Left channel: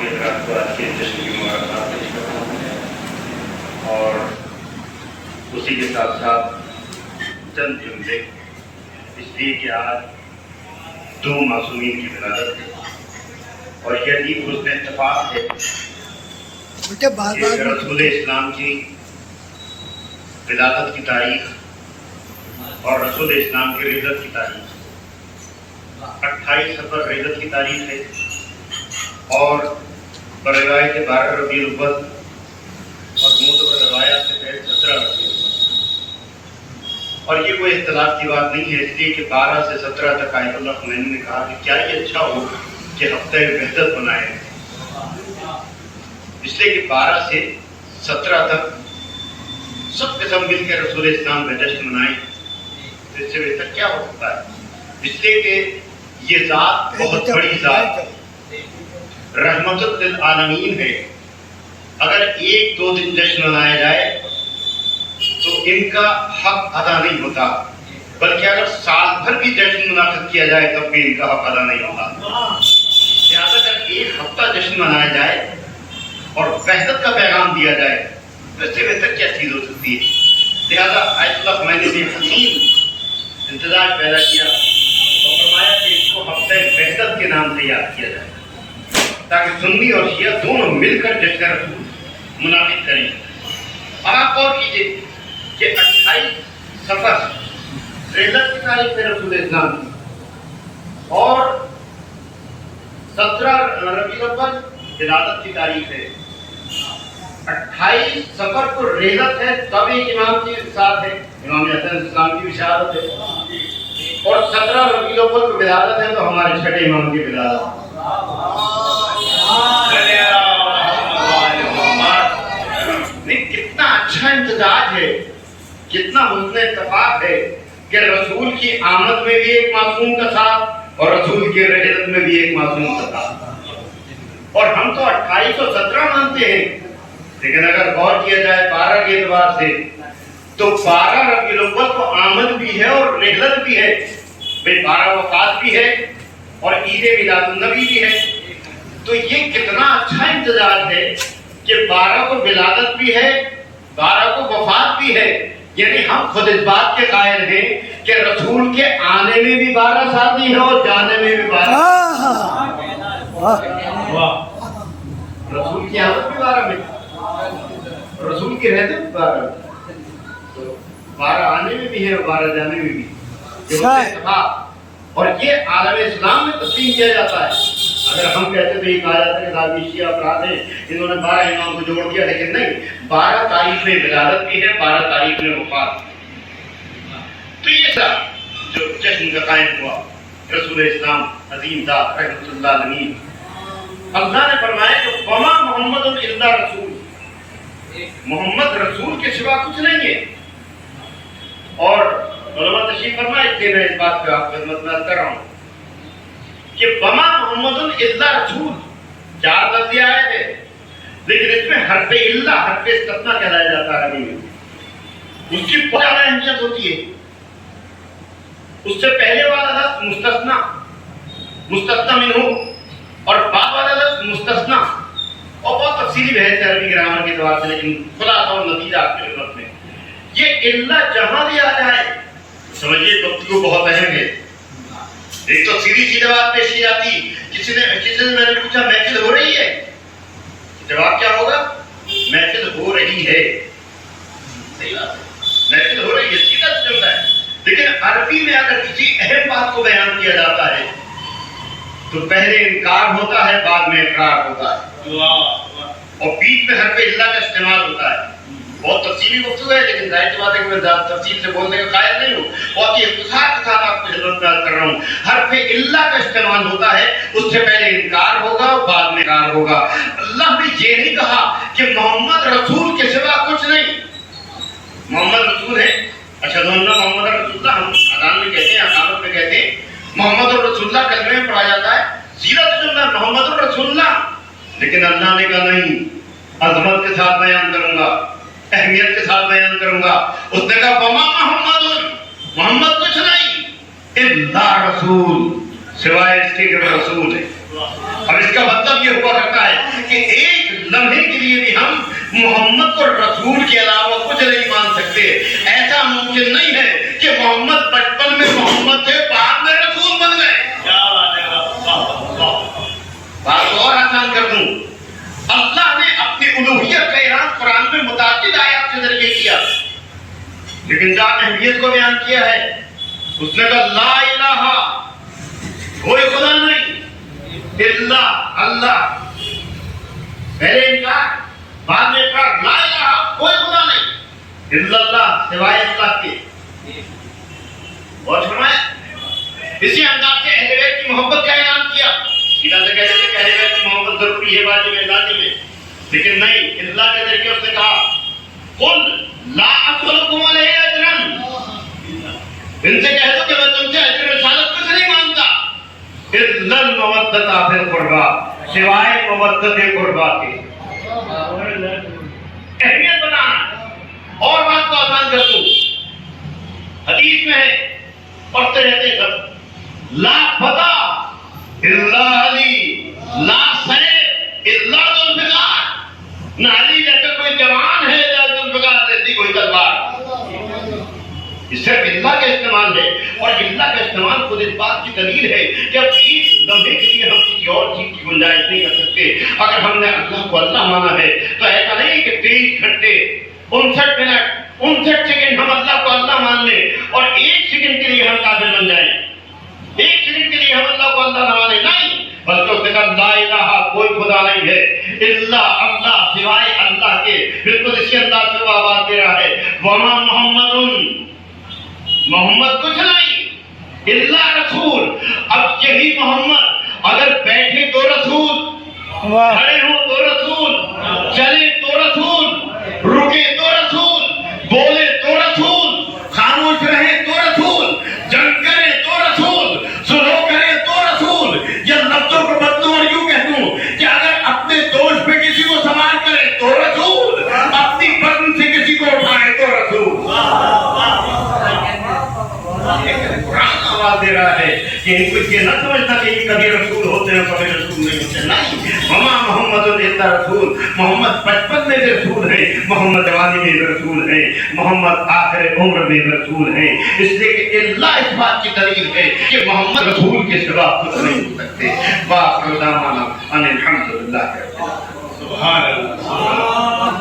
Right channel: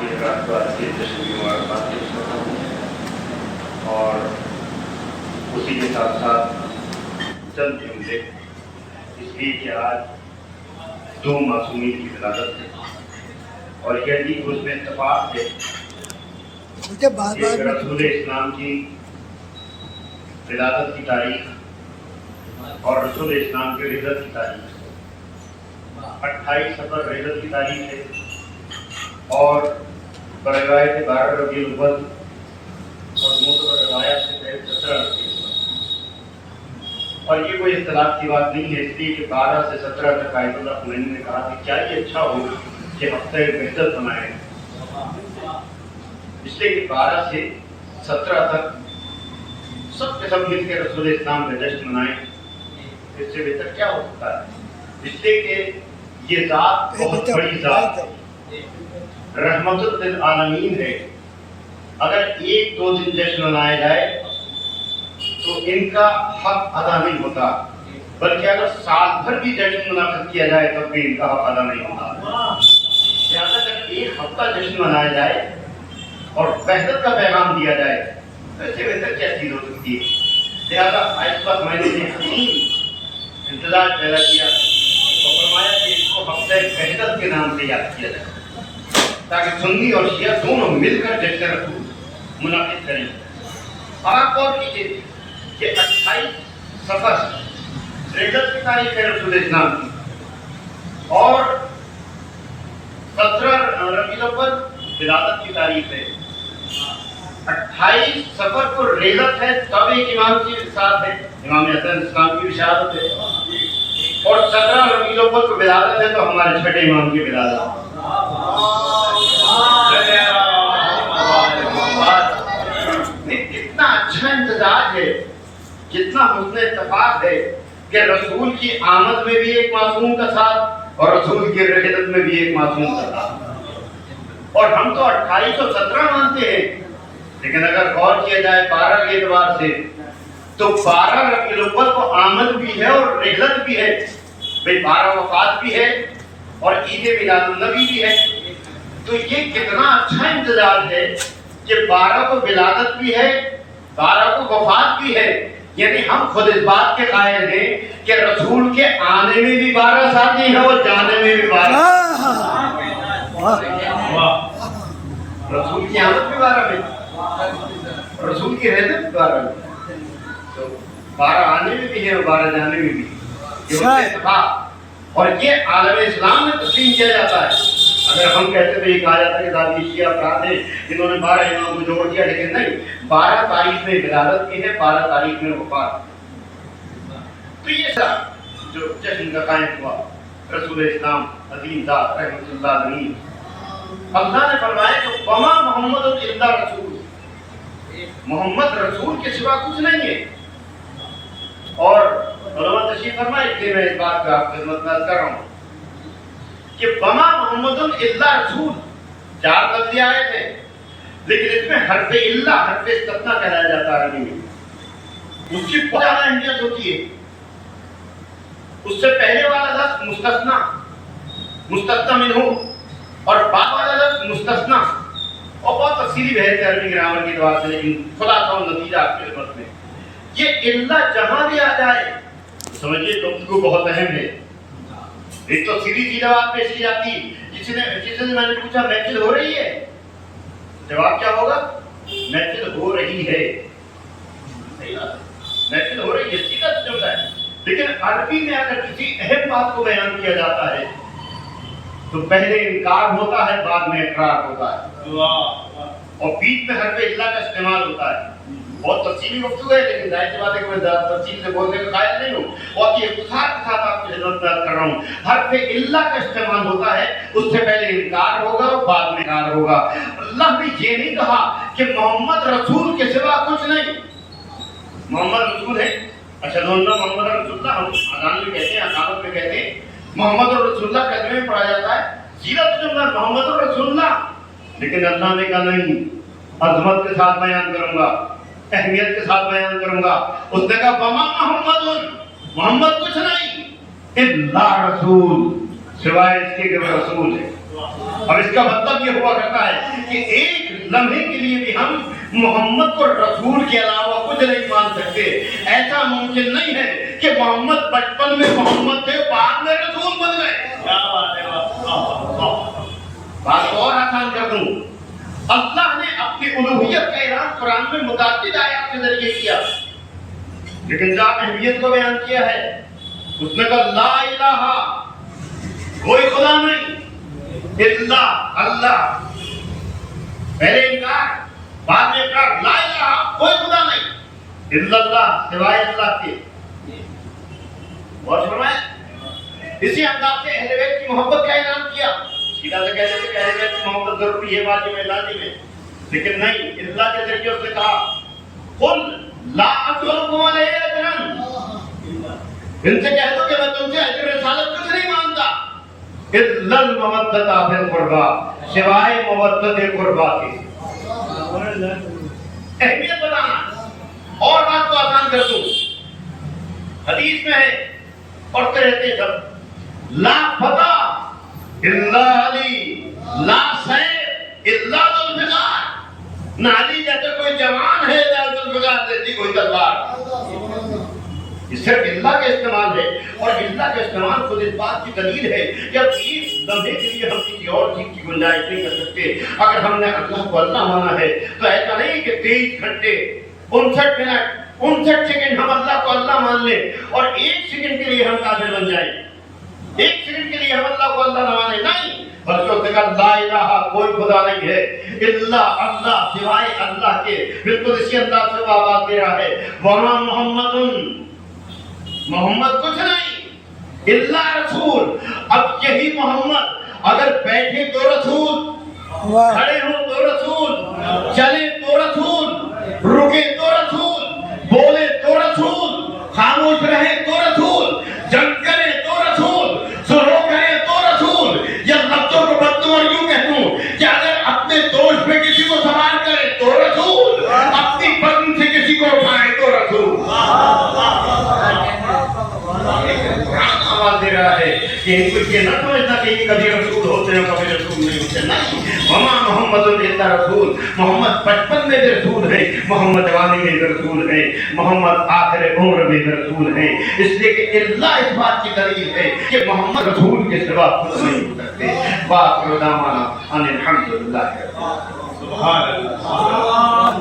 کے حضرات کو آج کے جشن کی مبارکباد پیش کرتا ہوں، اور اسی کے ساتھ ساتھ چند جملے اس لیے کہ آج دو معصومین کی ولادت ہے اور یہی حسن اتفاق ہے کہ رسول اسلام کی ولادت کی تاریخ اور رسول اسلام کی رحلت کی تاریخ 28 صفر رحلت کی تاریخ ہے اور بروایت 12 ربیع الاول اور معتبر روایات سے پہلے 17 ربیع الاول، اور یہ کوئی اختلاف کی بات نہیں ہے، اس لیے کہ 12 سے 17 تک آیت اللہ خمینی نے کہا کہ کیا یہ اچھا ہو کہ ہفتہ وحدت بنائیں، اس لیے کہ 12 سے 17 تک سب کے سب مل کے رسول اسلام کا جشن منائیں، تو اس سے بہتر کیا ہو سکتا ہے؟ اس لیے کہ یہ ذات بہت بڑی ذات رحمت للعالمین ہے۔ اگر ایک دو دن جشن منایا جائے تو ان کا حق ادا نہیں ہوتا، بلکہ اگر سال بھر بھی جشن منعقد کیا جائے تب بھی ان کا حق ادا نہیں ہوتا۔ لہٰذا اگر ایک ہفتہ جشن منایا جائے اور وحدت کا پیغام دیا جائے تو اس سے بہتر کیا چیز ہو سکتی ہے؟ لہٰذا آیت اللہ میں نے حسین انتظار پیدا کیا اور فرمایا کہ اس کو ہفتہ وحدت کے نام سے یاد کیا جائے تاکہ سنی اور شیعہ دونوں مل کر جشن رسول منعقد کریں۔ آپ غور کیجیے کہ 28 صفر رحلت کی تاریخ ہے رسول اسلام کی اور 17 ربیع الاول ولادت کی تاریخ ہے۔ 28 صفر کو رحلت ہے، تب ایک امام کی ساتھ ہے، امام حسن اسلام کی بشارت ہے، اور 17 ربیع الاول کو ولادت ہے تو ہمارے چھٹے امام کی ولادت۔ کتنا اچھا امتزاج ہے، کتنا حسن اتفاق ہے کہ رسول کی آمد میں بھی ایک معصوم کا ساتھ اور رسول کی رحلت میں بھی ایک معصوم کا ساتھ، اور ہم تو 28 اور 17 مانتے ہیں، لیکن اگر غور کیا جائے 12 کے اعتبار سے تو 12 ربیع الاول کو آمد بھی ہے اور رحلت بھی ہے، بھئی 12 وفات بھی ہے اور عید میلاد النبی بھی ہے، تو یہ کتنا اچھا امتزاج ہے کہ 12 کو ولادت بھی ہے، 12 کو وفات بھی ہے، یعنی ہم خود اس بات کے قائل ہیں کہ رسول کے آنے میں بھی 12 ساتھی ہے اور جانے میں بھی 12۔ رسول کی آمد بھی 12 میں، رسول کی رحلت بھی 12 میں، تو 12 آنے میں بھی ہے اور 12 جانے میں بھی، یہ اتفاق، اور یہ عالم اسلام میں تسلیم کیا جاتا ہے۔ اگر ہم کہتے تو یہ کہا جاتا ہے کہ داعش شیعہ افراد ہیں، انہوں نے 12 امام کو جوڑ دیا، لیکن نہیں، 12 تاریخ میں ولادت بھی ہے، 12 تاریخ میں وفات بھی۔ تو یہ سب جو جشن کا قائم ہوا رسول اسلام عظیم ذات رحمت اللہ علیہ، اللہ نے فرمایا کہ وما محمد الا رسول، محمد رسول کے سوا کچھ نہیں ہے۔ اور علماء تشریف فرمائے کہ میں اس بات کا خدمت میں کر رہا ہوں کہ وما محمد الا رسول 4 لفظ آئے تھے، لیکن اس میں حرف الا، حرف استثناء کہلایا جاتا ہے عربی میں، اس کی بہت زیادہ اہمیت ہوتی ہے۔ اس سے پہلے والا لفظ مستثنیٰ، مستثنیٰ منہ، اور بعد والا لفظ مستثنیٰ، اور بہت تفصیلی بحث ہے عربی گرامر کے اعتبار سے، لیکن خلاصہ اور نتیجہ آپ کی خدمت میں یہ الا جہاں بھی آ جائے سمجھیے گفتگو بہت اہم ہے۔ ایک تو سیدھی سی بات پیش کی جاتی، کسی نے میں نے پوچھا محفل ہو رہی ہے، جواب کیا ہوگا؟ محفل ہو رہی ہے، صحیح بات ہے، محفل ہو رہی ہے، سیدھا جملہ ہے۔ لیکن عربی میں اگر کسی اہم بات کو بیان کیا جاتا ہے تو پہلے انکار ہوتا ہے، بعد میں اقرار ہوتا ہے، اور بیچ میں حرف الا کا استعمال ہوتا ہے۔ بہت تفصیلی گفتگو ہے، لیکن ظاہر سی بات ہے کہ میں زیادہ تفصیل سے بولنے کا قائل نہیں ہوں، بہت ہی اختصار کے ساتھ آپ کی خدمت میں کر رہا ہوں۔ حرف الا کا استعمال ہوتا ہے، اس سے پہلے انکار ہوگا اور بعد میں اقرار ہوگا۔ اللہ نے یہ نہیں کہا کہ محمد رسول کے سوا کچھ نہیں، محمد رسول ہے، اشہد ان محمد رسول اللہ، ہم اذان میں کہتے ہیں، اقامت میں کہتے ہیں محمد رسول اللہ، کلمے میں پڑھا جاتا ہے، سیدھا جملہ محمد رسول اللہ، لیکن اللہ نے کہا نہیں، عظمت کے ساتھ بیان کروں گا، اہمیت کے ساتھ بیان کروں گا۔ اس نے کہا وما محمد کچھ نہیں الا رسول، سوائے اس کے کہ وہ رسول ہے۔ اور اس کا مطلب یہ ہوا کرتا ہے کہ ایک لمحے کے لیے بھی ہم محمد کو رسول کے علاوہ کچھ نہیں مان سکتے. ایسا ممکن نہیں ہے کہ محمد بچپن میں محمد تھے، بعد میں رسول بن گئے. بات اور آسان کر دوں، اللہ نے اپنی الوہیت کا اعلان قرآن میں متعدد آیات کے ذریعے کیا، لیکن جہاں اہمیت کو بیان کیا ہے اس نے کہا لا الہ، کوئی خدا نہیں، الا اللہ. پہلے انکار، بعد میں اقرار. لا الہ، کوئی خدا نہیں، الا اللہ، سوائے اللہ کے. اور فرمایا اسی انداز سے اہل بیت کی محبت کا اعلان کیا. سیدھا سے کہتے تھے کہ اہل بیت کی محبت ضروری ہے واجب ہے لازم ہے، لیکن نہیں، اللہ کے ذریعے اس نے کہا قل لا اسألکم علیہ اجرا. ان سے کہہ دو کہ میں تم سے اجر رسالت کچھ نہیں مانتا، الا المودۃ فی القربى، سوائے مودۃ قربا کے. اہمیت بتانا. اور بات کو آسان کر دوں، حدیث میں ہے پڑھتے رہتے سب، لا فتح الا علی، لا سیف الا ذوالفقار. نہ علی جیسا کوئی جوان ہے یا ذوالفقار جیسی کوئی تلوار. اس صرف اللہ کا استعمال ہے، اور اللہ کا استعمال خود اس بات کی دلیل ہے کہ اب ایک لمحے کے لیے ہم کسی اور چیز کی گنجائش نہیں کر سکتے. اگر ہم نے اللہ کو اللہ مانا ہے تو ایسا نہیں کہ 23 گھنٹے 59 منٹ 59 سیکنڈ ہم اللہ کو اللہ مان لیں اور 1 سیکنڈ کے لیے ہم کافر بن جائیں. 1 سیکنڈ کے لیے ہم اللہ کو اللہ نہ مانیں، نہیں، بلکہ اس نے کہا لا الہ، کوئی خدا نہیں ہے، الا اللہ، سوائے اللہ کے. بالکل اسی انداز سے وہ آواز دے رہا ہے وما محمد، محمد کچھ نہیں، اللہ رسول. اب یہی محمد اگر بیٹھے تو رسول، کھڑے ہوں تو رسول، چلے تو رسول، رکے تو رسول، بولے تو رسول، خاموش رہے تو رسول، جنگ کرے تو رسول، سلو کرے تو رسول. یا لفظوں کو بدلوں اور یوں کہہ دوں کہ اگر اپنے دوست پہ کسی کو سوار کرے تو رسول، اپنی بدن سے کسی کو اٹھائے تو رسول. قرآن آواز دے رہا ہے کہ ان کو یہ نہ سمجھنا کہ یہ کبھی رسول ہوتے ہیں کبھی رسول نہیں ہوتے. نہیں، وما محمد الا رسول. محمد بچپن میں بھی رسول ہے، محمد جوانی میں بھی رسول ہے، محمد آخر عمر میں بھی رسول ہے. اس لیے کہ اللہ اس بات کی دلیل ہے کہ محمد رسول کے سوا کچھ نہیں ہو سکتے. وآخر دعوانا ان الحمد للہ. سبحان اللہ.